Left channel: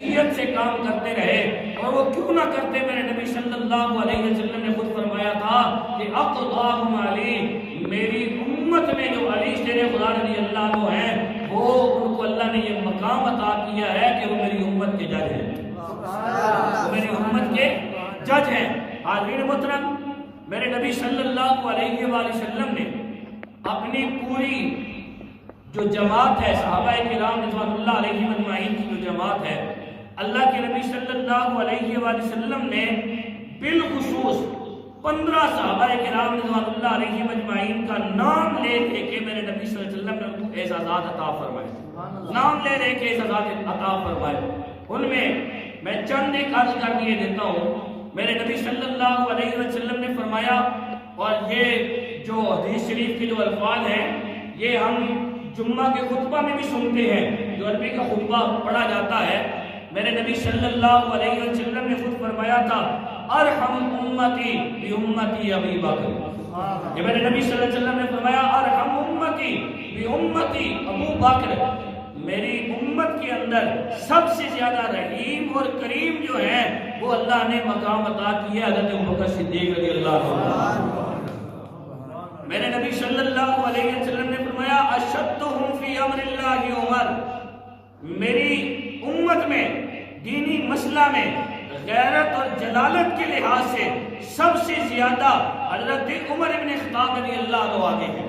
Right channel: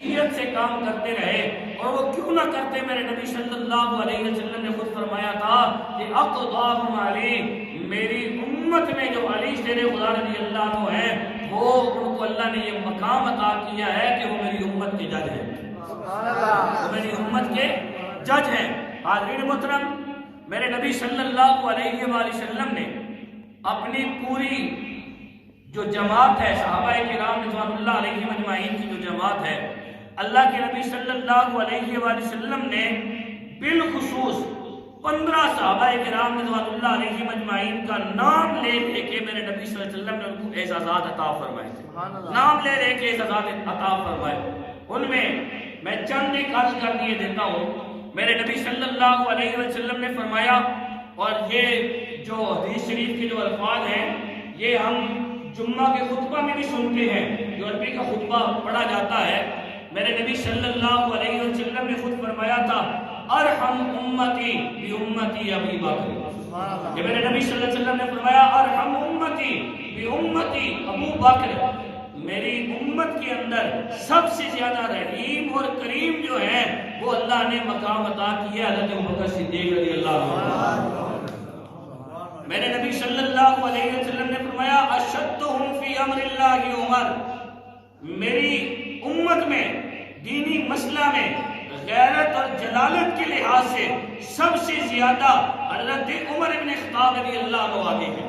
سے کام کرتے رہے، اور وہ کیوں نہ کرتے؟ میرے نبی صلی اللہ علیہ وسلم نے خود فرمایا تھا کہ اقضاہم علی، میری امت میں جو علی شیر خدا رضی اللہ عنہ ہے، وہ ان کو اللہ نے یہ مقام عطا کیا ہے کہ وہ میری امت کے جج ہیں، وہ میری امت کے جج ہیں۔ حاضرین محترم، میرے نبی صلی اللہ علیہ وآلہ وسلم نے اپنی پوری جو جماعت ہے، صحابہ کرام رضوان اللہ علیہ مجمعین کی جو جماعت ہے، اللہ کے نبی صلی اللہ علیہ وآلہ وسلم نے بالخصوص 15 صحابہ کرام رضوان اللہ علیہ مجمعین کا نام لے لے کے میرے نبی صلی اللہ علیہ وسلم نے ان کو اعزازات عطا فرمائے تھے، نام لے لے کے اعزازات عطا فرمائے۔ ان میں چند ایک عرض کر دیے دیتا ہوں۔ میرے نبی صلی اللہ علیہ وسلم نے فرمایا، اور یہ جو حدیث شریف کے جو الفاظ ہیں یہ ہم جمعہ کے خطبہ میں بھی سنتے ہیں، جو عربی کا خطبہ پڑھا جاتا ہے۔ میرے نبی صلی اللہ علیہ وسلم نے خود فرمایا تھا، ارحم امتی بی امتی ابی بکر۔ یہ میرے نبی صلی اللہ علیہ وسلم نے فرمایا، ارحم امتی بی امتی ابو بکر، میری امت کے اندر سب سے زیادہ رحیم اور کریم جو ہے وہ اللہ نے مقام عطا کیا حضرت ابوبکر صدیق رضی اللہ عنہ۔ میرے نبی صلی اللہ علیہ وسلم نے فرمایا، اشدہم فی امر اللہ عمر، میری امت میں دینی مسئلہ میں غیرت اور جلالت کے لحاظ سے سب سے زیادہ حضرت عمر ابن خطاب رضی اللہ عنہ آگے ہیں۔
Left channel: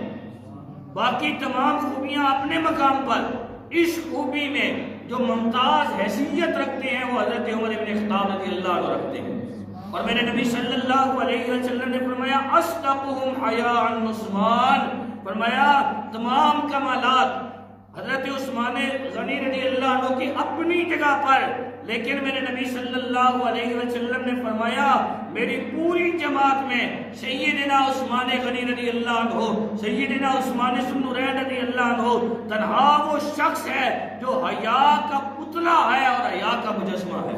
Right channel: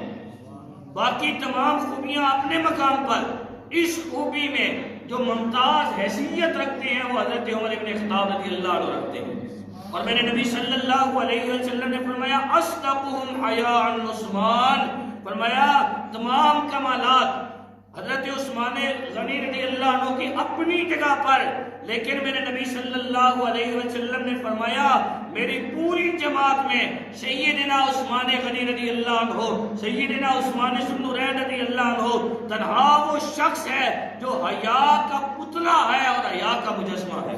باقی تمام خوبیاں اپنے مقام پر، اس خوبی میں جو ممتاز حیثیت رکھتے ہیں وہ حضرت عمر ابن خطاب رضی اللہ عنہ رکھتے ہیں۔ اور میرے نبی صلی اللہ علیہ وسلم نے فرمایا، اصدقہم حیاء عثمان، فرمایا تمام کمالات حضرت عثمان غنی رضی اللہ عنہ کی اپنی جگہ پر، لیکن میرے نبی صلی اللہ علیہ وسلم نے فرمایا میری پوری جماعت میں سیدنا عثمان غنی رضی اللہ عنہ، سیدنا عثمان ذو النورین رضی اللہ عنہ تنہا وہ شخص ہے جو حیا کا پتلا ہے اور حیا کا مجسمہ ہے،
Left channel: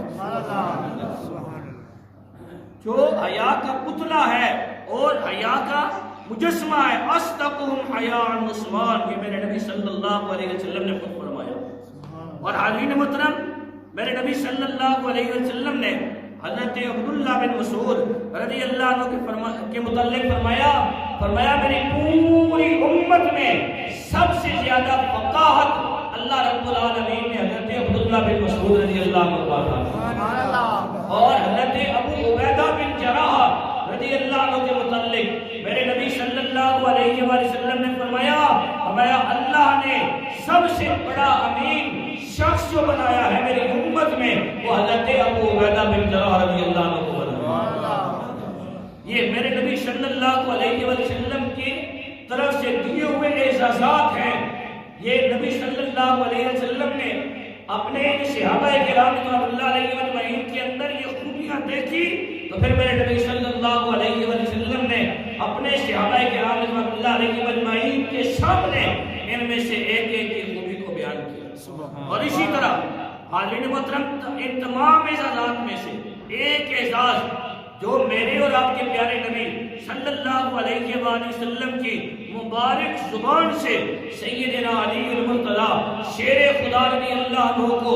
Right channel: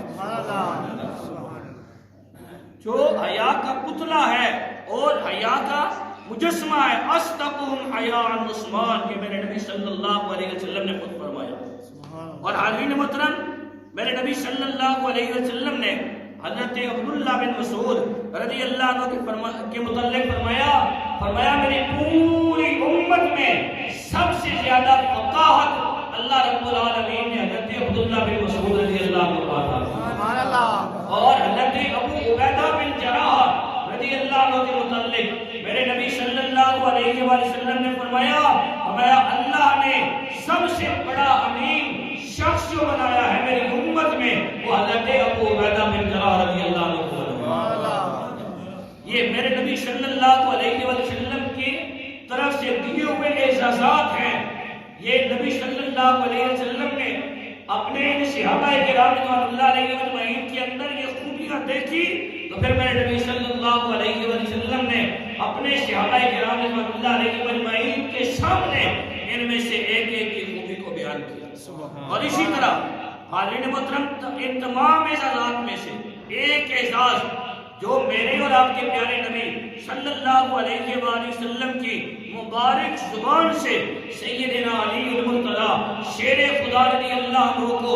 جو حیا کا پتلا ہے اور حیا کا مجسمہ ہے۔ اصدقہم حیاء عثمان، یہ میرے نبی صلی اللہ علیہ وسلم نے خود فرمایا۔ اور حاضرین محترم، میرے نبی صلی اللہ علیہ وسلم نے حضرت عبداللہ بن مسعود رضی اللہ عنہ کے متعلق فرمایا میری پوری امت میں سب سے زیادہ فقاہت اللہ رب العالمین نے حضرت عبداللہ بن مسعود رضی اللہ عنہ کو عطا کی۔ اور حضرت ابو عبیدہ بن جراح رضی اللہ عنہ کے متعلق میرے نبی صلی اللہ علیہ وآلہ وسلم نے فرمایا اللہ نے سب سے بڑا امین شخص جو بنایا ہے میری امت میں وہ حضرت ابو عبیدہ بن جراح رضی اللہ عنہ کو بنایا۔ یہ میرے نبی صلی اللہ علیہ وآلہ وسلم کی طرف سے دیے ہوئے اعزازات ہیں۔ یہ نبی صلی اللہ علیہ وسلم نے اپنے صحابہ کرام رضوان اللہ علیہ مجمعین کے اندر یہ خوبیاں دیکھی، تو پھر میرے نبی صلی اللہ علیہ وسلم نے اپنے صحابہ کرام رضوان اللہ علیہ مجمعین کے سامنے ان میں سے ایک ایک کی خوبی کو بیان کیا۔ اور اسی طرح حاضرین محترم، ان تمام اعزازات میں سے ایک اعزاز جو میرے اور آپ کے پیارے نبی صلی اللہ علیہ وآلہ وسلم کی مبارک زبان سے سیدنا علی المرتضی شیر خدا رضی اللہ عنہ کو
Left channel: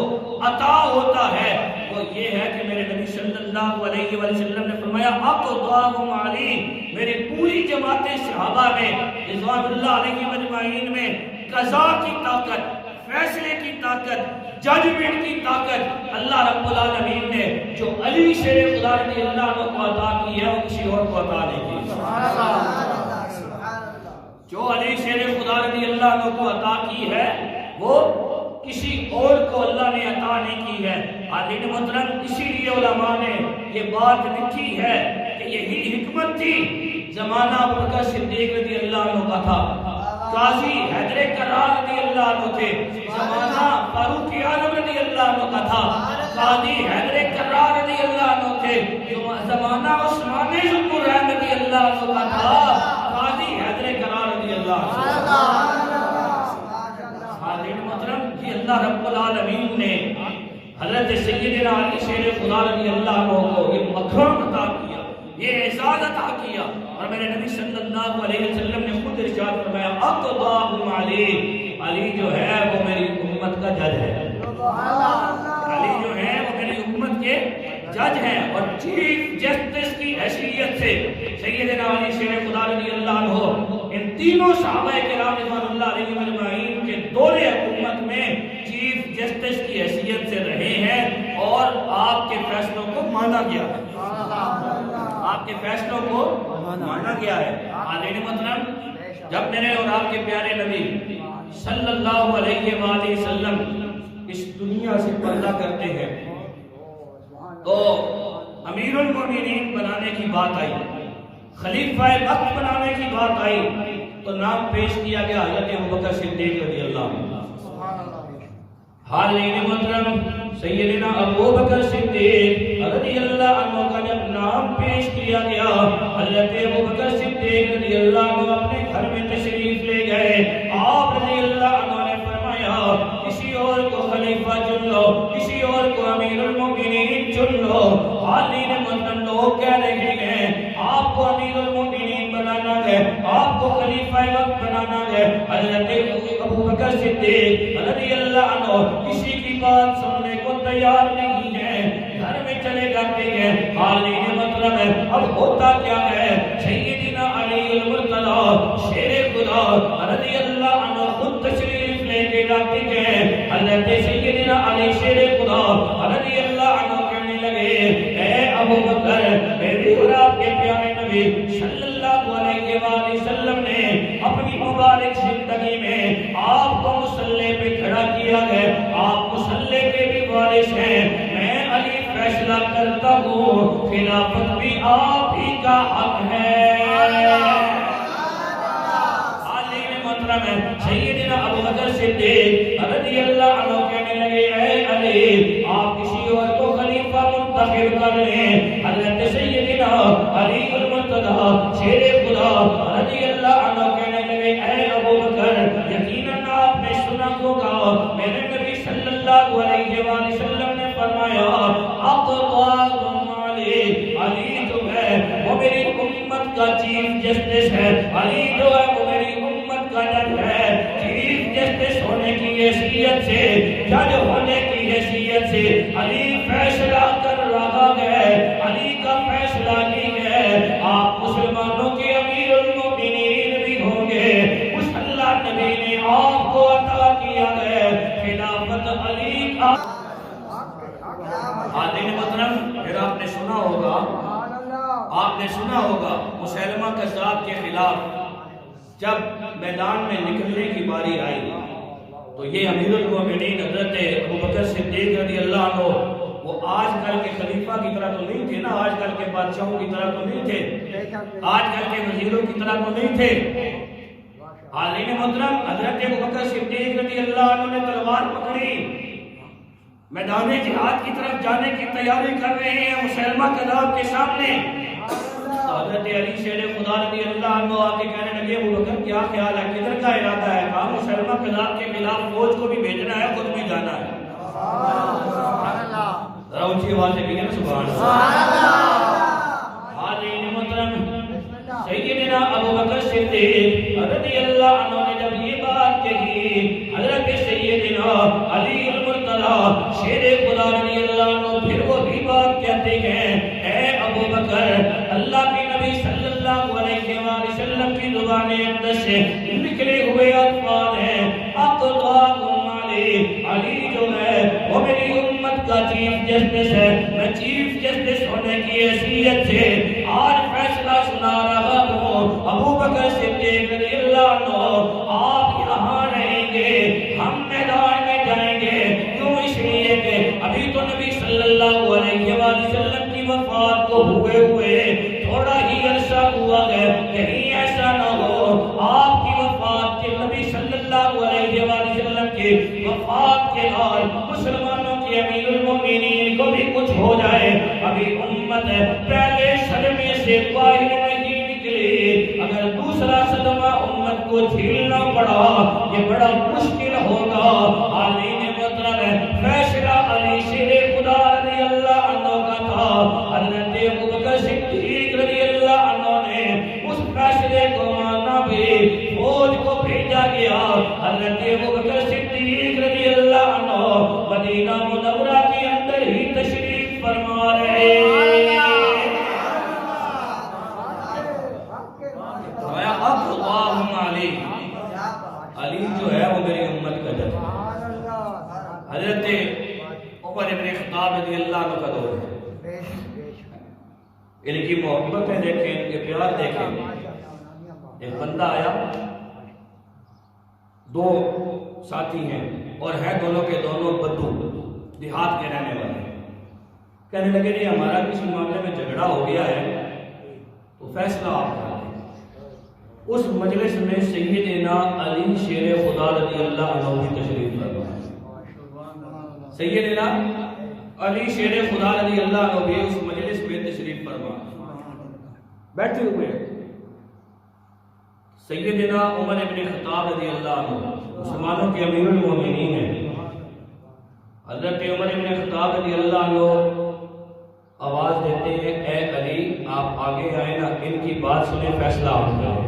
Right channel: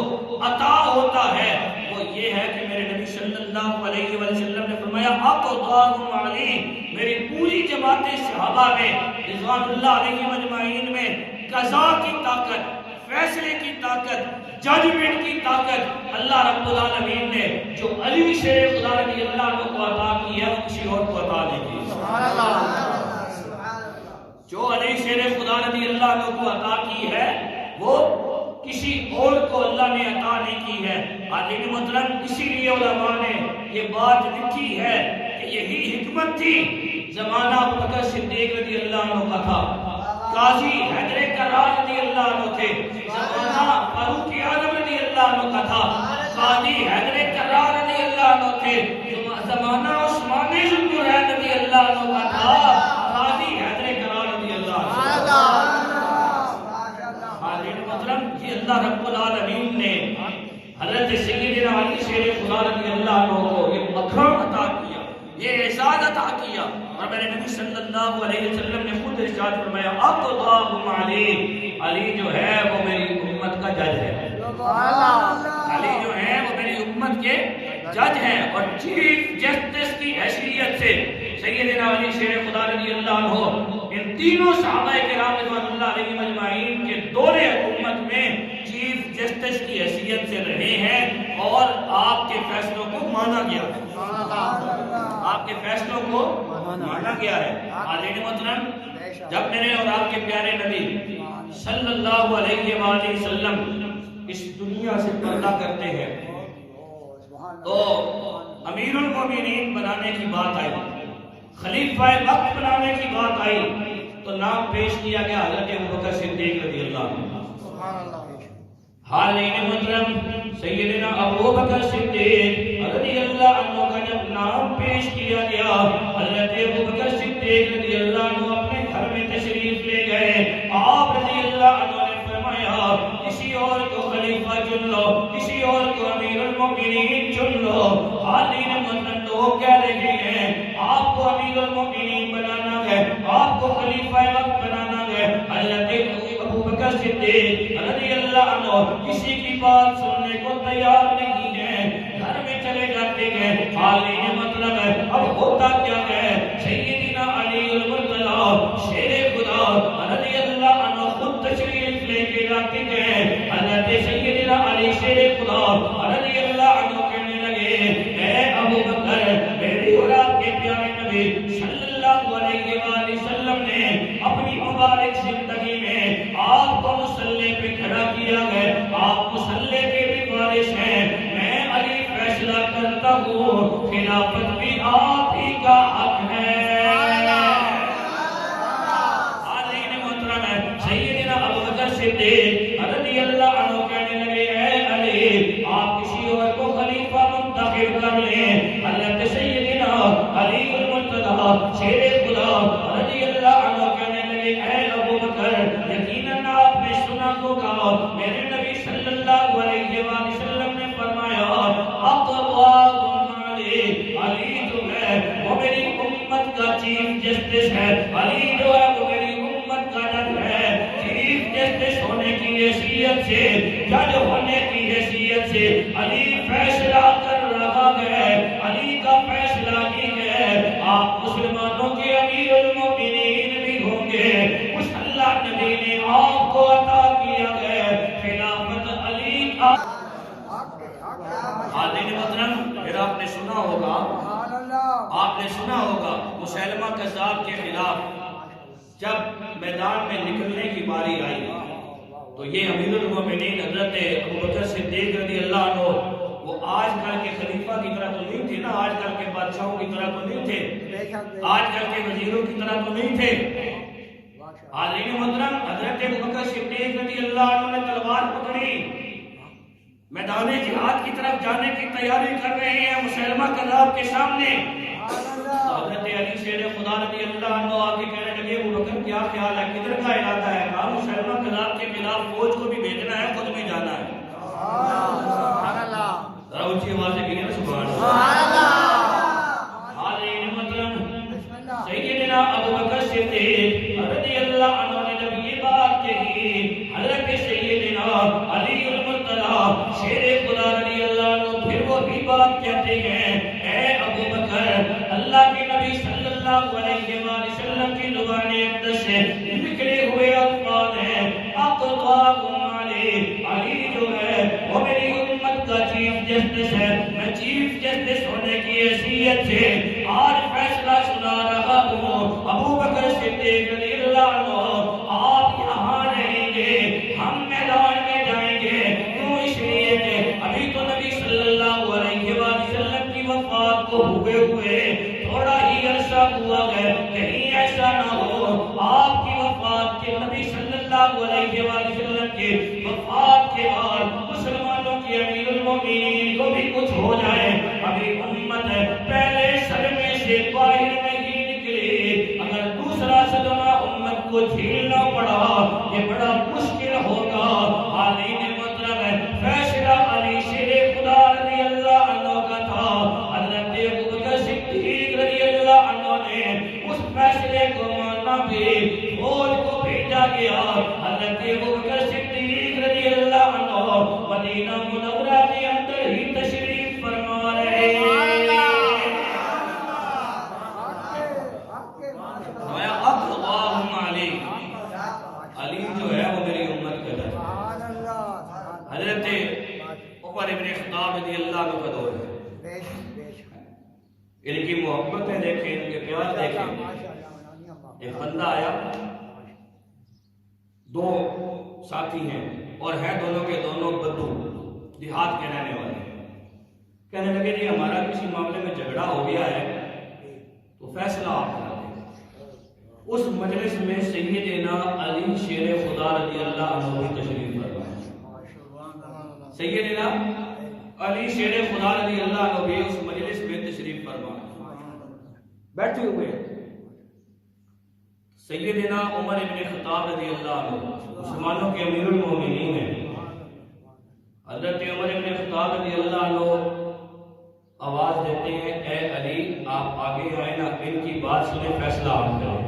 عطا ہوتا ہے، وہ یہ ہے کہ میرے نبی صلی اللہ علیہ وآلہ وسلم نے فرمایا، اقضاہم علی، میری پوری جماعت صحابہ میں رضوان اللہ علیہ مجمعین میں قضا کی طاقت، فیصلے کی طاقت، ججمنٹ کی طاقت اللہ رب العالمین نے جو علی شیر خدا رضی اللہ عنہ کو عطا کی ہے وہ کسی اور کو عطا نہیں کی۔ جو علی شیر خدا رضی اللہ عنہ کو عطا کی ہے وہ کسی اور کو اللہ نے عطا نہیں کی ہے۔ حاضرین محترم، اسی لیے علماء نے یہ بات لکھی ہے کہ یہی حکمت تھی زمانہ ابوبکر صدیق رضی اللہ عنہ کا تھا، قاضی حیدر کرار رضی اللہ عنہ تھے، زمانہ فاروق اعظم رضی اللہ عنہ کا تھا، قاضی حیدر کرار رضی اللہ عنہ تھے، زمانہ عثمان ذو النورین رضی اللہ عنہ کا تھا، قاضی حیدر کرار رضی اللہ عنہ۔ حاضرین محترم، یہ اللہ رب العالمین نے حضرت سیدنا علی شیر خدا رضی اللہ عنہ کو یہ مقام عطا کیا، یہ اعزاز عطا کیا۔ اور میرے نبی صلی اللہ علیہ وسلم نے خود ارشاد فرمایا، اقضاہم علی، علی جو ہے وہ میری امت کا جج ہے۔ علی جو ہیں وہ میری امت کے جج ہیں اور چیف جسٹس کی حیثیت سے سیدنا علی شیر خدا رضی اللہ عنہ ان تینوں صحابہ کرام رضوان اللہ علیہم اجمعین کے دور حکومت میں چیف جسٹس کی حیثیت سے رہے ہیں اور آپ کے فیصلوں کو مانا گیا ہے، آپ کے فیصلوں کو مانا گیا ہے۔ حاضرین محترم، جب میرے اور آپ کے پیارے نبی صلی اللہ علیہ وآلہ وسلم اس دنیا سے پردہ کرتے ہیں تو امیر المومنین بنانے کی بات آئی، خلیفہ وقت بنانے کی بات آئی تو نام پیش کیا گیا حضرت ابوبکر صدیق رضی اللہ عنہ۔ حاضرین محترم، سیدنا ابوبکر صدیق رضی اللہ عنہ کا جب نام پیش کیا گیا، حضرت ابوبکر صدیق رضی اللہ عنہ اپنے گھر میں تشریف لے گئے۔ آپ رضی اللہ عنہ نے فرمایا کسی اور کو خلیفہ چن لو، کسی اور کو امیر المومنین چن لو۔ حاضرین محترم، لوگ کیا دیکھیں گے؟ آپ کو امیر المومنین بنانا گئے، آپ کو خلیفہ وقت بنانا گئے۔ حضرت ابوبکر صدیق رضی اللہ عنہ کسی کی بات سننے کو تیار نہیں ہے، گھر میں چلے جاتے ہیں۔ حاضرین مطلب ہے اب ہوتا کیا ہے؟ سیدنا علی المرتضی شیر خدا رضی اللہ عنہ خود تشریف لے کے جاتے ہیں۔ حضرت سیدنا علی شیر خدا رضی اللہ عنہ کہنے لگے، اے ابوبکر، میری اور آپ کے پیارے نبی صلی اللہ علیہ وآلہ وسلم نے اپنی مبارک زندگی میں آپ کو مصلی پہ کھڑا کیا ہے، آپ مصلی کے بھی وارث ہیں، میں علی فیصلہ کرتا ہوں خلافت بھی آپ ہی کا حق ہے۔ حاضرین محترم، سیدنا ابوبکر صدیق رضی اللہ عنہ کہنے لگے، اے علی، آپ کسی اور کو خلیفہ منتخب کر لیں۔ حضرت سیدنا علی المرتضی شیر خدا رضی اللہ عنہ کہنے لگے، اے ابوبکر، یقیناً آپ نے سنا ہوگا میرے نبی صلی اللہ علیہ وآلہ وسلم نے فرمایا، اقضاکم علی، علی جو ہے وہ میری امت کا چیف جسٹس ہے، علی جو ہے وہ میری امت کا جج ہے۔ چیف جسٹس ہونے کی حیثیت سے، جج ہونے کی حیثیت سے علی فیصلہ کر رہا ہے، علی کا فیصلہ ہی ہے۔ آپ مسلمانوں کے امیر المومنین بھی ہوں گے، اس اللہ نبی نے آپ کو عطا کیا ہے خلافت علی کا۔ حاضرین محترم، پھر آپ نے سنا ہوگا مسیلمہ کذاب کے خلاف جب میدان میں نکلنے کی باری آئی تو یہ امیر المومنین حضرت ابوبکر صدیق رضی اللہ عنہ وہ آج کل کے خلیفہ کی طرح تو نہیں تھے نا، آج کل کے بادشاہوں کی طرح تو نہیں تھے، آج کل کے وزیروں کی طرح تو نہیں تھے۔ حاضرین محترم، حضرت ابوبکر صدیق رضی اللہ عنہ نے تلوار پکڑی، میدان جہاد کی طرف جانے کی تیاری کر رہے ہیں مسیلمہ کذاب کے سامنے۔ تو حضرت علی شیر خدا رضی اللہ عنہ آ کے کہنے لگے، ابوبکر کیا خیال ہے، کدھر کا ارادہ ہے؟ کہا مسیلمہ کذاب کے خلاف فوج کو بھی بھیجنا ہے، خود بھی جانا ہے۔ ذرا اونچی آواز سے کہیے نا سبحان اللہ۔ حاضرین محترم، سیدنا ابوبکر صدیق رضی اللہ عنہ نے جب یہ بات کہی، حضرت سیدنا علی المرتضی شیر خدا رضی اللہ عنہ پھر وہی بات کہتے ہیں، اے ابوبکر، اللہ کے نبی صلی اللہ علیہ وآلہ وسلم کی زبان اقدس سے نکلے ہوئے الفاظ ہیں، اقضاکم علی، علی جو ہے وہ میری امت کا چیف جسٹس ہے، میں چیف جسٹس ہونے کی حیثیت سے آج فیصلہ سنا رہا ہوں۔ ابوبکر صدیق رضی اللہ عنہ، آپ یہاں رہیں گے، ہم میدان میں جائیں گے، کیوں؟ اس لیے کہ ابھی تو نبی صلی اللہ علیہ وآلہ وسلم کی وفات کو ہوئے تھوڑا ہی عرصہ ہوا ہے، کہیں ایسا نہ ہو آپ کی وفات کے، نبی صلی اللہ علیہ وآلہ وسلم کی وفات کے بعد مسلمانوں کے امیر المومنین کو بھی کچھ ہو جائے۔ ابھی امت ہے پہلے صدمے سے باہر نہیں نکلی، اگر دوسرا صدمہ امت کو جھیلنا پڑا یہ بڑا مشکل ہوگا۔ حاضرین محترم، فیصلہ علی شیر خدا رضی اللہ عنہ کا تھا، حضرت ابوبکر صدیق رضی اللہ عنہ نے اس فیصلے کو مانا بھی، فوج کو بھیجا گیا۔ حضرت ابوبکر صدیق رضی اللہ عنہ مدینہ منورہ کی میری امت کا جذبہ. حضرت عمر ابن خطاب رضی اللہ عنہ کا دور ہے. ان کی محبتیں دیکھیں, ان کے پیار دیکھیں. ایک بندہ آیا, دو ساتھی ہیں اور ہیں دونوں کے دونوں بدو, دیہات کے رہنے والے ہیں. کہنے لگے جی ہمارا کسی معاملے میں جھگڑا ہو گیا ہے تو فیصلہ آپ کر دیں. اس مجلس میں سیدنا علی شیر خدا رضی اللہ عنہ بھی تشریف فرما. سیدنا علی شیر خدا رضی اللہ عنہ بھی اس مجلس میں تشریف فرما بیٹھے ہوئے ہیں. سیدنا عمر ابن خطاب رضی اللہ عنہ مسلمانوں کے امیر المومنین ہیں. حضرت عمر ابن خطاب رضی اللہ عنہ آواز دیتے ہیں, اے علی آپ آگے آئے نا, ان کی بات سنیں, فیصلہ آپ کریں.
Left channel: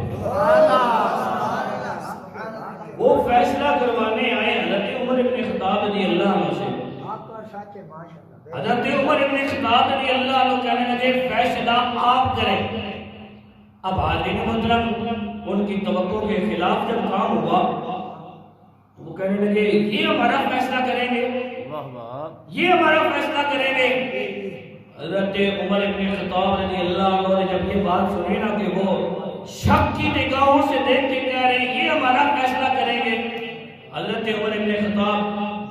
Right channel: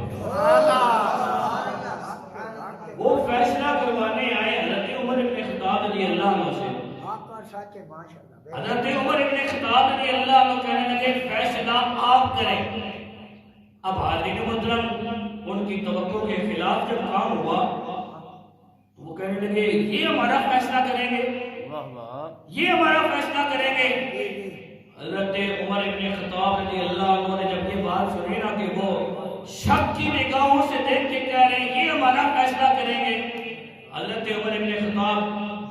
وہ فیصلہ کروانے آئے حضرت عمر ابن خطاب رضی اللہ عنہ سے. حضرت عمر ابن خطاب رضی اللہ عنہ کہنے لگے فیصلہ آپ کریں. اب حاضرین محترم ان کی توقع کے خلاف جب کام ہوا وہ کہنے لگے یہ ہمارا فیصلہ کریں گے, یہ ہمارا فیصلہ کریں گے. حضرت عمر ابن خطاب رضی اللہ عنہ نے جب یہ بات سنی نا کہ وہ شک کی نگاہوں سے دیکھ کے کہہ رہے ہیں یہ ہمارا فیصلہ کریں گے. حضرت عمر ابن خطاب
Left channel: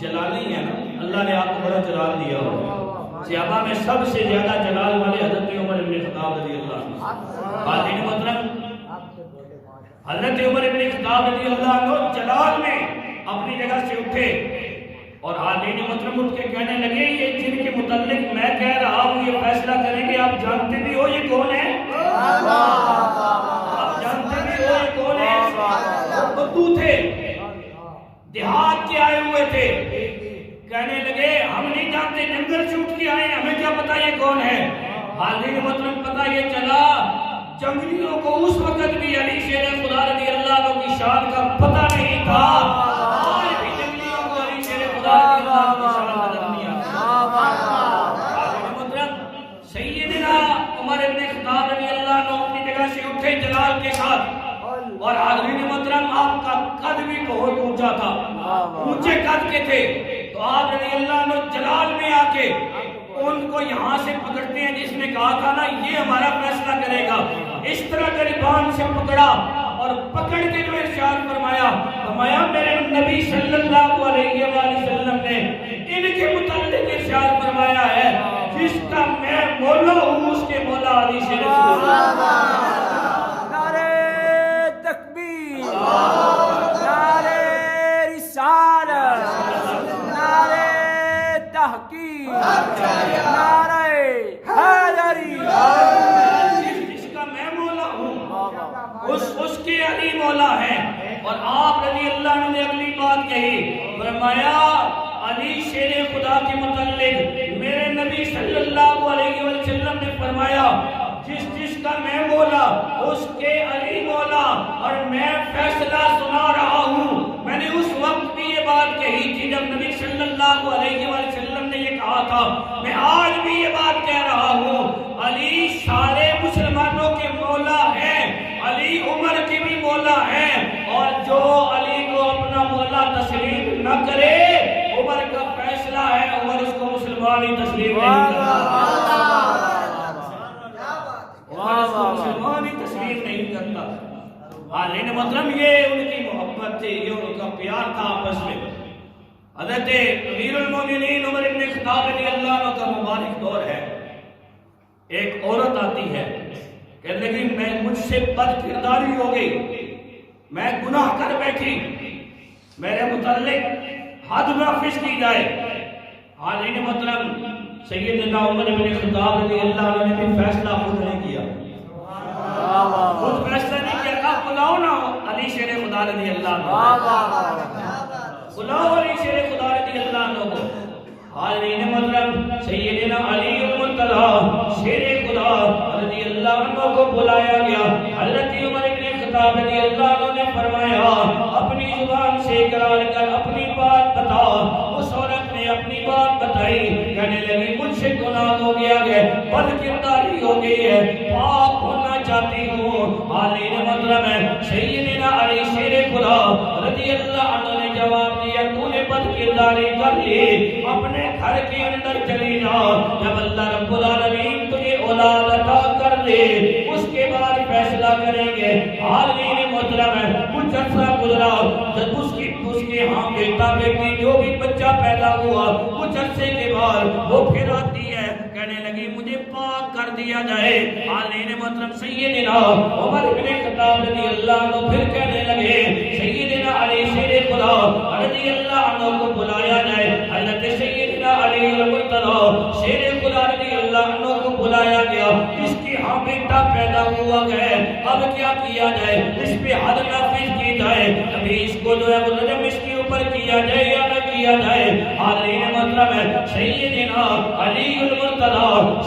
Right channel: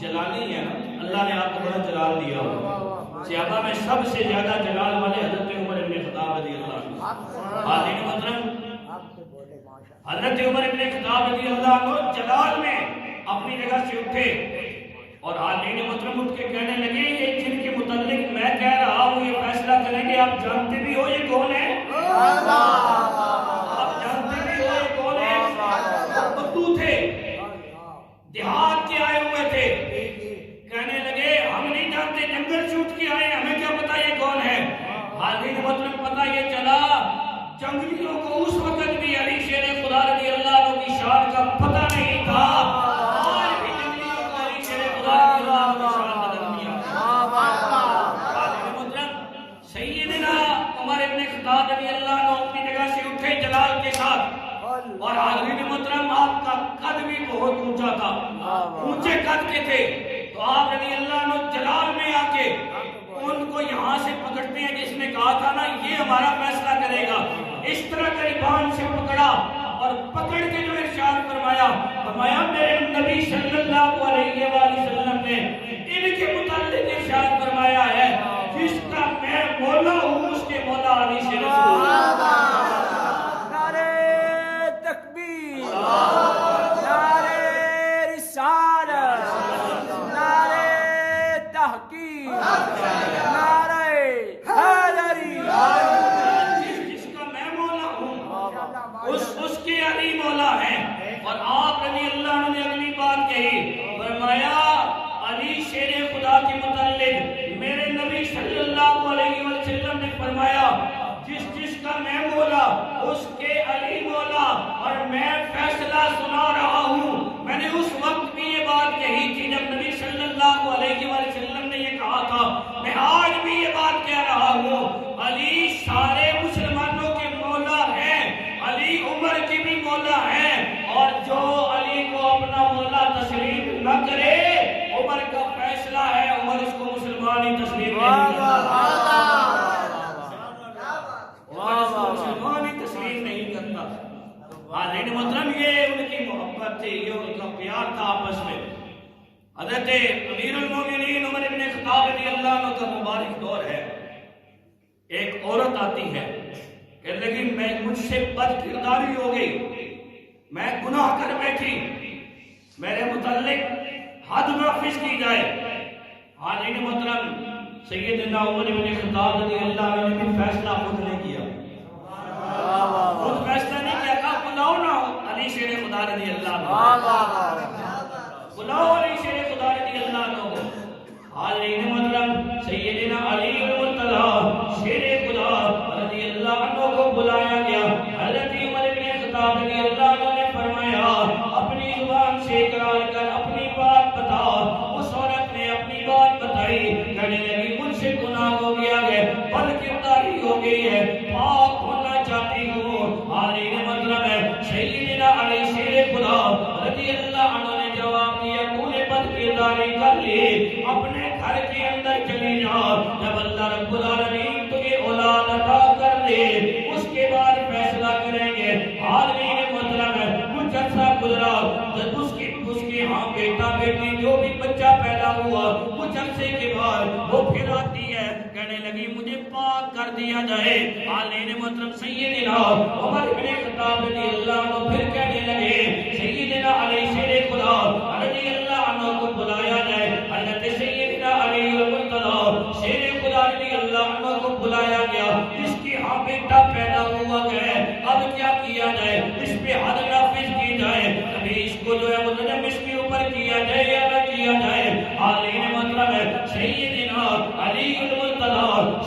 جلالی ہے نا, اللہ نے آپ کو بڑا جلال دیا ہوا. صحابہ میں سب سے زیادہ جلال والے حضرت عمر ابن خطاب رضی اللہ عنہ. حاضرین محترم حضرت عمر ابن خطاب رضی اللہ عنہ جلال میں اپنی جگہ سے اٹھے اور حاضرین محترم اٹھ کے کہنے لگے یہ جن کے متعلق میں کہہ رہا ہوں یہ فیصلہ کریں گے, آپ جانتے بھی ہو یہ کون ہے؟ آپ جانتے بھی ہو یہ کون ہے؟ بدو تھے, دیہات کے آئے ہوئے تھے. کہنے لگے ہم نہیں جانتے, جنگل چھوٹ کے آئے, ہمیں کیا پتا یہ کون ہے. حاضرین محترم پتا یہ چلا جنگلیوں کو اس وقت بھی علی شیر خدا رضی اللہ عنہ کی شان کا پتہ نہیں تھا. آج بھی جنگلیوں کو علی شیر خدا رضی اللہ عنہ کی شان نظر نہیں آتی. حاضرین محترم سیدنا عمر ابن خطاب رضی اللہ عنہ اپنی جگہ سے اٹھے جلال کے ساتھ. اور حاضرین محترم آپ کا قد بھی بہت اونچا تھا, اونچے قد کے تھے. تو آپ رضی اللہ عنہ جلال میں آ کے ان کو یہاں سے پکڑتے ہیں جس نے کہا تھا نا یہ ہمارا فیصلہ کرے گا. اس طرح گریبان سے پکڑا اور پکڑ کے جو ارشاد فرمایا میرے نبی صلی اللہ علیہ وآلہ وسلم نے ان کے متعلق ارشاد فرمایا ہے جس کا میں مولا ہوں اس کے مولا علی شیر خدا. نعرہ تکبیر, نعرہ رسالت, نعرہ تحقیق, نعرہ حیدری. جس کا میں مولا ہوں اس کے علی مولا ہے. اور آپ رضی اللہ عنہ نے اگلی بات کہی, فرمایا علی شیر خدا کے متعلق میرے نبی صلی اللہ علیہ وسلم نے فرمایا جس کا میں مولا اس کے علی مولا. اور میں فیصلہ سنا رہا ہوں. میں نے اس وقت بھی یہ بات کہی تھی جب نبی صلی اللہ علیہ وسلم نے یہ کہا تھا, میں آج بھی یہ بات کہہ رہا ہوں, علی سارے مسلمانوں کے مولا ہیں, علی عمر کے بھی مولا ہیں. اور جو علی کو اپنا مولا تسلیم نہ کرے عمر کا فیصلہ ہے, عمر اس کو مسلمان ہی تسلیم نہیں کرتا. مسلمان ہی تسلیم نہیں کرتا. حاضرین محترم یہ ان کی محبت تھی, یہ ان کا پیار تھا آپس میں. حضرت امیر المومنین عمر ابن خطاب رضی اللہ عنہ کا مبارک دور ہے. ایک عورت آتی ہے, کہنے لگی میں مجھ سے بد کرداری ہو گئی, میں گناہ کر بیٹھی, میرے متعلق حد نافذ کی جائے. حاضرین محترم سیدنا عمر بن خطاب رضی اللہ عنہ نے بھی فیصلہ خود نہیں کیا, خود فیصلہ نہیں کیا. کہا بلاؤ نا علی شیر خدا رضی اللہ عنہ, بلاؤ علی شیر خدا رضی اللہ عنہ کو. حاضرین محترم سیدنا علی المرتضیٰ شیر خدا رضی اللہ عنہ کو بلایا گیا. حضرت عمر بن خطاب رضی اللہ عنہ نے فرمایا اپنی زبان سے اقرار کر, اپنی بات بتا. اس عورت نے اپنی بات بتائی, کہنے لگی مجھ سے گناہ ہو گیا ہے, بد کرداری ہو گئی ہے, پاک ہونا چاہتی ہوں. حاضرین محترم سیدنا علی شیر خدا رضی اللہ عنہ نے جواب بد کرداری کر لی اپنے گھر کے اندر چلی جا. جب اللہ رب العالمین تجھے اولاد عطا کر دے اس کے بعد فیصلہ کریں گے. حاضرین محترم ہے کچھ عرصہ گزرا جب اس کے ہاں بیٹا بیٹی جو بھی بچہ پیدا ہوا کچھ عرصے کے بعد وہ پھر آتی ہے کہنے لگی مجھے پاک کر دیا جائے. حاضرین محترم سیدنا عمر بن خطاب رضی اللہ عنہ پھر کہنے لگے سیدنا علی شیر خدا رضی اللہ عنہ کو بلایا جائے. حضرت سیدنا علی المرتضی شیر خدا رضی اللہ عنہ کو بلایا گیا. اس کے ہاں بیٹا پیدا ہوا گیا اب کیا کیا جائے اس پہ حد نافذ کی جائے ابھی اس کو جو ہے وہ رجم اس کے اوپر کیا جائے یا نہ کیا جائے. حاضرین مطلب ہے سیدنا علی المرتضی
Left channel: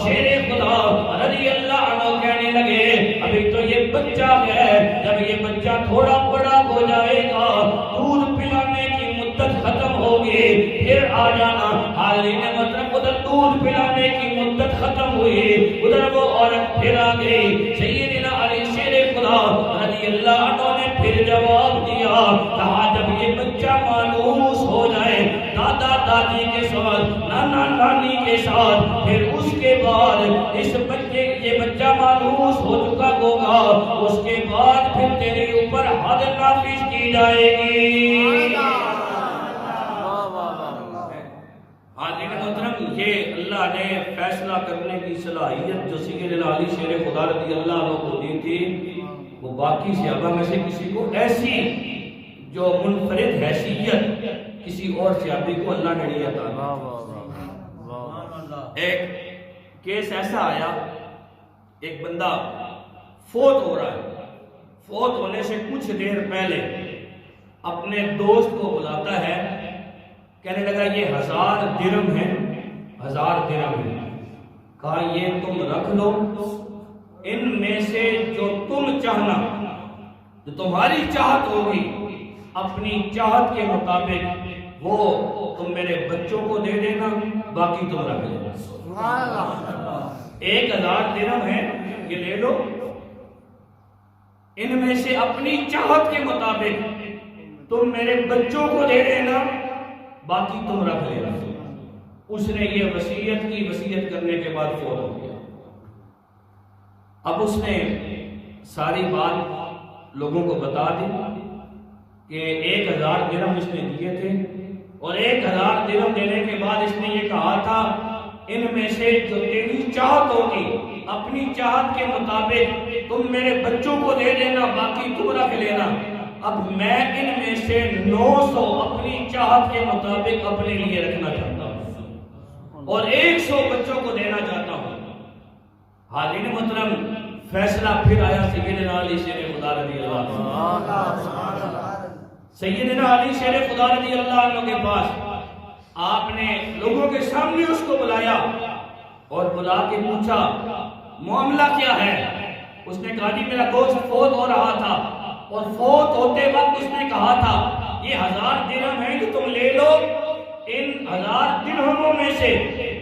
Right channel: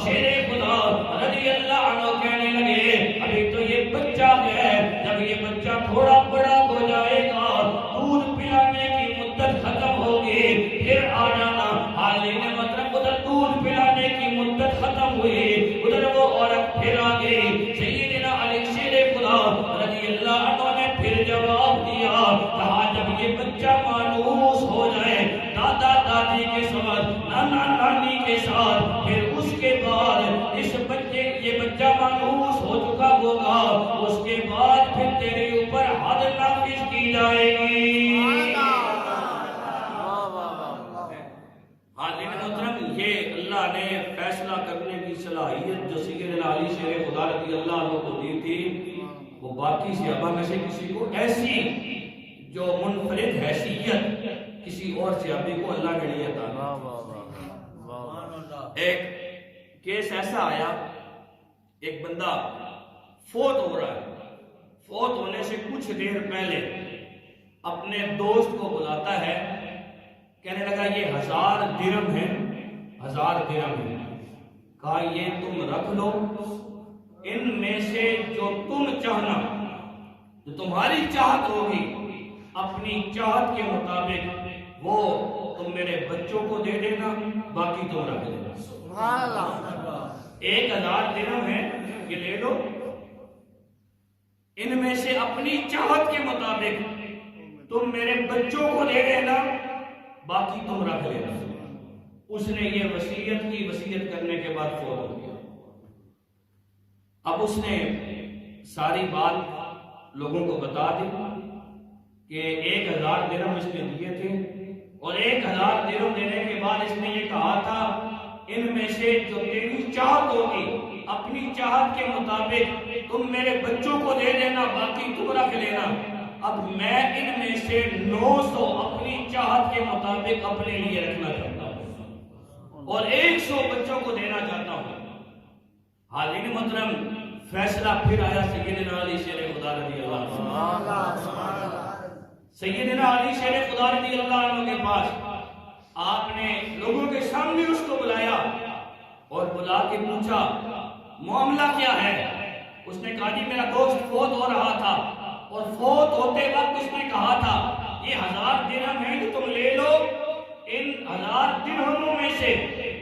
شیر خدا رضی اللہ عنہ کہنے لگے ابھی تو یہ بچہ ہے جب یہ بچہ تھوڑا بڑا ہو جائے گا دودھ پلانے کی مدت ختم ہوگی پھر آ جانا. حاضرین مطلب ادھر دودھ پلانے کی مدت ختم ہوئی ادھر وہ عورت پھر آ گئی. سیدنا علی شیر خدا رضی اللہ عنہ نے پھر جواب دیا کہا جب یہ بچہ مانوس ہو جائے دادا دادی کے ساتھ نانا نانی کے ساتھ پھر اس کے بعد اس بچے یہ بچہ مانوس ہو چکا ہوگا اس کے بعد پھر تیرے اوپر حد نافذ کی جائے گی. حاضرین محترم یہ اللہ نے فیصلہ کرنے کی صلاحیت جو سیدنا علی شیر خدا رضی اللہ عنہ کو دی تھی وہ باقی صحابہ میں سے کسی کو ایسی جو منفرد حیثیت کسی اور صحابی کو اللہ نے نہیں عطا کی. ایک کیس ایسا آیا ایک بندہ فوت ہو رہا ہے فوت ہونے سے کچھ دیر پہلے اپنے دوست کو بلاتا ہے کہنے لگا یہ 1000 درہم ہے 1000 درہم ہے کہا یہ تم رکھ لو ان میں سے جو تم چاہنا جو تمہاری چاہت ہوگی اپنی چاہت کے مطابق وہ تم میرے بچوں کو دے دینا باقی تم رکھ لینا. 1000 درہم ہے یہ لے لو ان میں سے اپنی چاہت کے مطابق تم میرے بچوں کو دے دینا باقی تم رکھ لینا. اس نے یہ وصیت کی وصیت کرنے کے بعد فوت ہو گیا. اب اس نے ساری بات لوگوں کو بتا دی کہ 1000 درہم اس نے دیے تھے اور 1000 درہم دینے کے بعد اس نے یہ کہا تھا ان میں سے جو تیری چاہت ہوگی اپنی چاہت کے مطابق تم میرے بچوں کو دے دینا باقی تم رکھ لینا. اب میں ان میں سے 900 اپنی چاہت کے مطابق اپنے لیے رکھنا چاہتا ہوں اور 100 بچوں کو دینا چاہتا ہوں. حاضرین محترم فیصلہ پھر آیا سیدنا علی شیر خدا رضی اللہ عنہ. سیدنا علی شیر خدا رضی اللہ عنہ کے پاس آپ نے لوگوں کے سامنے اس کو بلایا اور بلا کے پوچھا معاملہ کیا ہے. اس نے کہا جی میرا دوست فوت ہو رہا تھا اور فوت ہوتے وقت اس نے کہا تھا یہ 1000 درہم ہیں کہ تم لے لو ان 1000 درہموں میں سے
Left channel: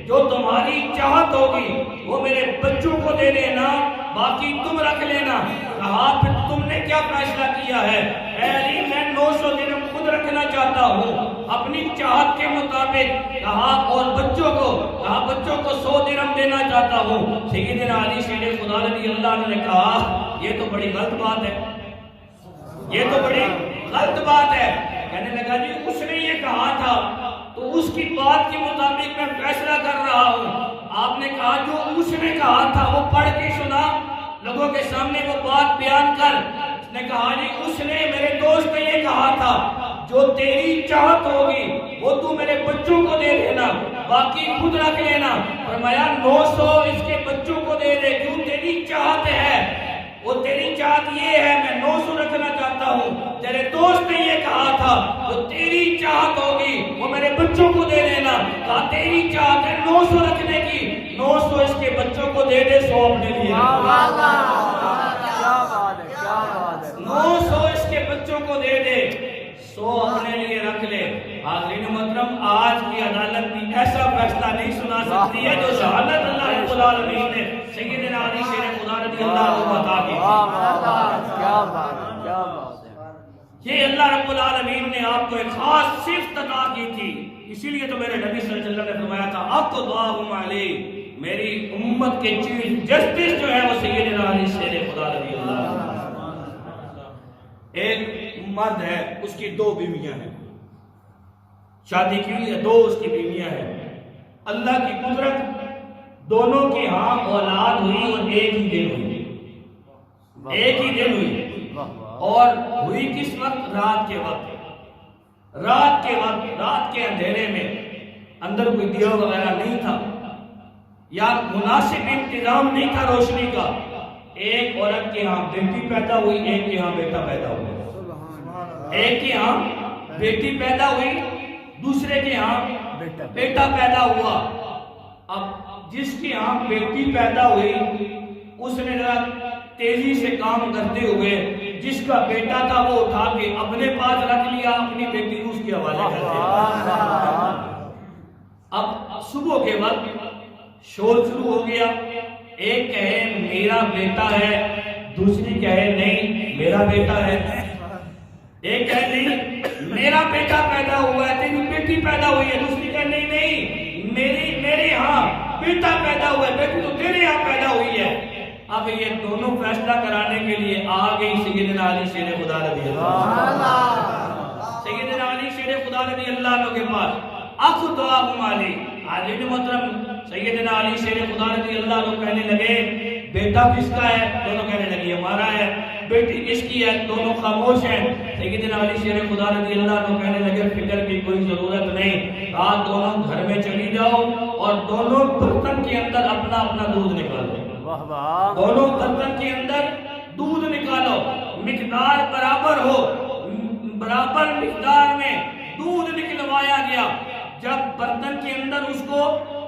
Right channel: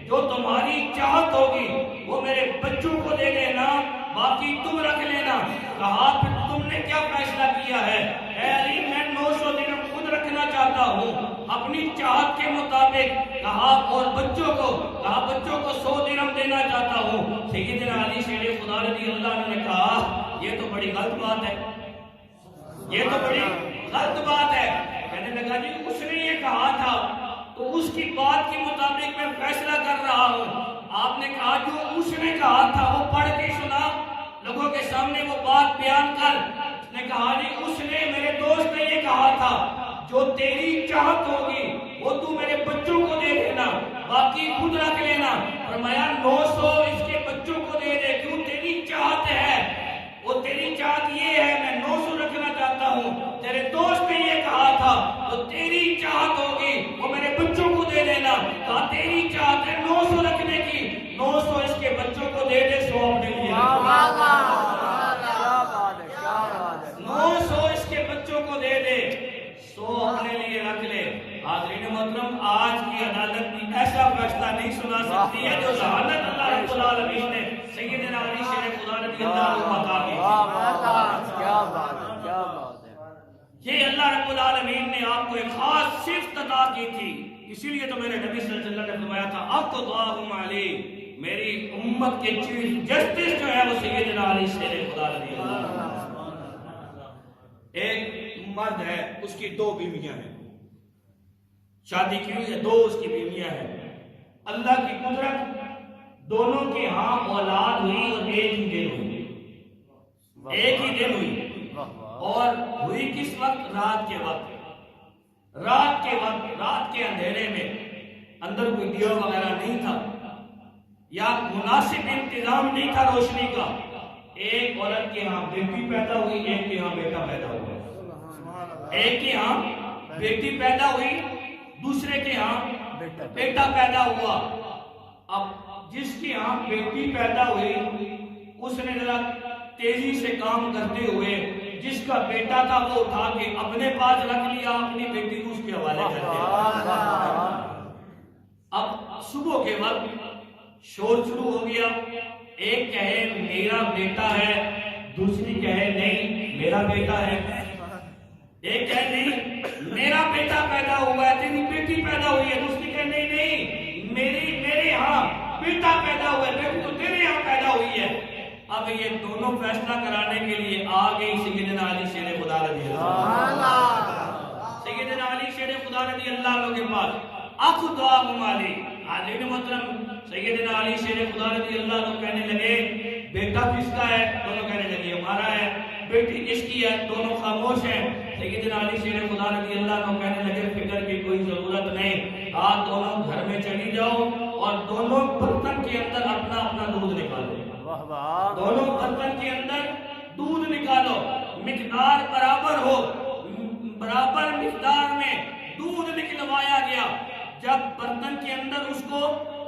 جو تمہاری چاہت ہوگی وہ میرے بچوں کو دے دینا باقی تم رکھ لینا. کہا پھر تم نے کیا فیصلہ کیا ہے؟ اے علی میں 900 درہم خود رکھنا چاہتا ہوں اپنی چاہت کے مطابق. کہا اور بچوں کو کہا بچوں کو 100 درہم دینا چاہتا ہوں. سیدنا علی شیر خدا رضی اللہ عنہ نے کہا یہ تو بڑی غلط بات ہے یہ تو بڑی غلط بات ہے. کہنے لگا جی اس نے یہ کہا تھا تو اس کی بات کے مطابق میں فیصلہ کر رہا ہوں. آپ نے کہا جو اس نے کہا تھا وہ پڑھ کے سنا لوگوں کے سامنے وہ بات بیان کر. اس نے کہا جی اس نے میرے دوست نے یہ کہا تھا جو تیری چاہت ہوگی وہ تو میرے بچوں کو دے دینا باقی خود رکھ لینا. فرمایا 900 اس کے بچوں کو دے دے کیوں تیری چاہت ہے وہ تیری چاہت یہ ہے میں 900 رکھنا چاہتا ہوں. تیرے دوست نے یہ کہا تھا تو تیری چاہت ہوگی وہ میرے بچوں کو دے دینا. کہا تیری چاہت ہے 900 رکھنے کی 900 اس کے بچوں کو دے دے 100 اپنے لیے. کیا بات ہے کیا بات ہے. 900 اس کے بچوں کو دے دے 100 اپنے لیے رکھ لے. حاضرین محترم آج کی عدالت بھی ایسا فیصلہ نہیں سنا سکتی ہے جو شہادت اللہ رب العالمین نے سیدنا علی شیر خدا رضی اللہ عنہ عطا کی. کیا بات ہے کیا بات ہے. یہ اللہ رب العالمین نے آپ کو ایک خاص صفت عطا کی تھی، اسی لیے تو میرے نبی صلی اللہ علیہ وسلم نے فرمایا تھا اقضاہم علی، میری امت کے چیف جسٹس جو ہے وہ سیدنا علی شیر خدا رضی اللہ عنہ۔ ایک مرد ہے، اس کی 2 بیویاں ہیں، شادی کی ہے، 2 اس کی بیویاں ہیں، اللہ کی قدرت دونوں کے ہاں اولاد ہوئی اور ایک ہی دن ہوئی، ایک ہی دن ہوئی، اور ہوئی کس وقت؟ رات کے وقت، رات کے وقت، رات کے اندھیرے میں، اندر کوئی دیا وغیرہ نہیں تھا یا مناسب انتظام نہیں تھا روشنی کا، ایک عورت کے ہاں بیٹی پیدا ہوئی، ایک کے ہاں بیٹا پیدا ہوا، ایک کے ہاں بیٹی پیدا ہوئی، دوسرے کے ہاں بیٹا پیدا ہوا۔ اب جس کی ہاں بیٹی پیدا ہوئی اس نے ذرا تیزی سے کام کرتے ہوئے جس کا بیٹا تھا وہ اٹھا کے اپنے پاس رکھ لیا، اپنی بیٹی کو اس کے حوالے کر دیا۔ اب صبح کے وقت شور شروع ہو گیا، ایک کہے میرا بیٹا ہے، دوسری کہے نہیں میرا بیٹا ہے، ایک کہے نہیں میرا بیٹا پیدا ہوا ہے، تیری بیٹی پیدا ہوئی ہے، دوسری کہے نہیں نہیں میرے ہاں بیٹا پیدا ہوا ہے، بیٹی تو تیرے ہاں پیدا ہوئی ہے۔ اب یہ دونوں فیصلہ کرانے کے لیے آ گئی سیدنا علی شیر خدا رضی اللہ عنہ، سیدنا علی شیر خدا رضی اللہ عنہ کے پاس اقضاہم علی، حاضرین محترم سیدنا علی شیر خدا رضی اللہ عنہ کہنے لگے بیٹا کس کا ہے؟ دونوں کہنے لگے ہمارا ہے۔ بیٹی کس کی ہے؟ دونوں خاموش ہیں۔ سیدنا علی شیر خدا رضی اللہ عنہ کہنے لگے فکر کی کوئی ضرورت نہیں، آپ دونوں گھر میں چلی جاؤ اور دونوں برتن کے اندر اپنا اپنا دودھ نکالو، دونوں برتن کے اندر دودھ نکالو، مقدار برابر ہو، برابر مقدار میں دودھ نکلوایا گیا۔ جب برتن کے اندر اس کو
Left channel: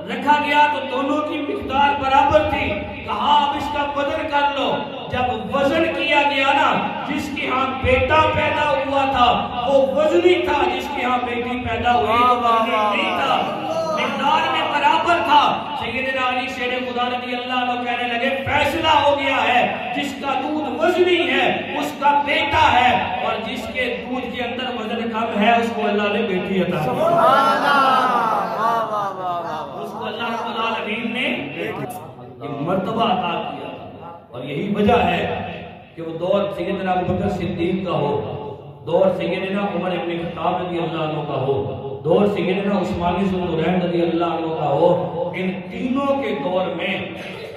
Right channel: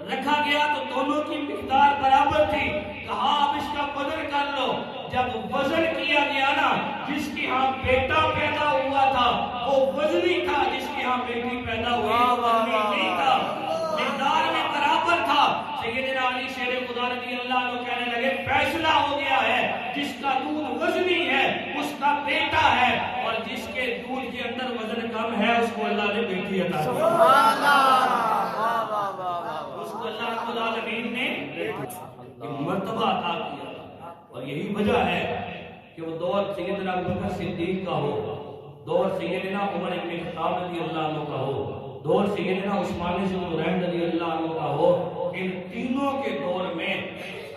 رکھا گیا تو دونوں کی مقدار برابر تھی، کہا اب اس کا وزن کر لو۔ جب وزن کیا گیا نا، جس کے ہاں بیٹا پیدا ہوا تھا وہ وزنی تھا، جس کے ہاں بیٹی پیدا ہوئی وہ وزنی نہیں تھا، مقدار میں برابر تھا۔ سیدنا علی شیر خدا رضی اللہ عنہ کہنے لگے فیصلہ ہو گیا ہے، جس کا دودھ وزنی ہے اس کا بیٹا ہے، اور جس کے دودھ کے اندر وزن کم ہے اس کو اللہ نے بیٹی عطا کی، اس کو اللہ رب العالمین نے یہ مرتبہ عطا کیا۔ اور یہی وجہ ہے کہ وہ دور سیدنا ابوبکر صدیق کا ہو، دور سیدنا عمر ابن خطاب رضی اللہ عنہ کا ہو، دور سیدنا عثمان ذو النورین رضی اللہ عنہ کا ہو، ان تینوں کے دور میں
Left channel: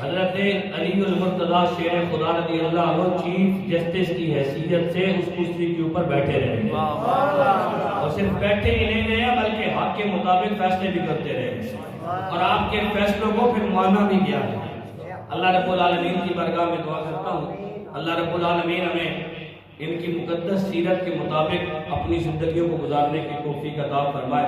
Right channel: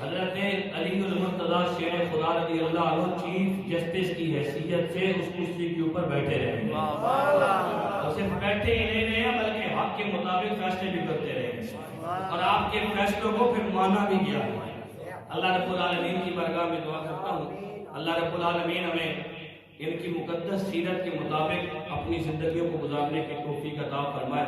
حضرت علی المرتضیٰ شیر خدا رضی اللہ عنہ چیف جسٹس کی حیثیت سے اس کرسی کے اوپر بیٹھے رہے، اور صرف بیٹھے ہی نہیں رہے بلکہ حق کے مطابق فیصلے بھی کرتے رہے، اور آپ کے فیصلوں کو پھر مانا بھی گیا ہے۔ اللہ رب العالمین کی بارگاہ میں دعا کرتا ہوں اللہ رب العالمین ہمیں ان کی مقدس سیرت کے مطابق اپنی زندگیوں کو گزارنے کی توفیق عطا فرمائے۔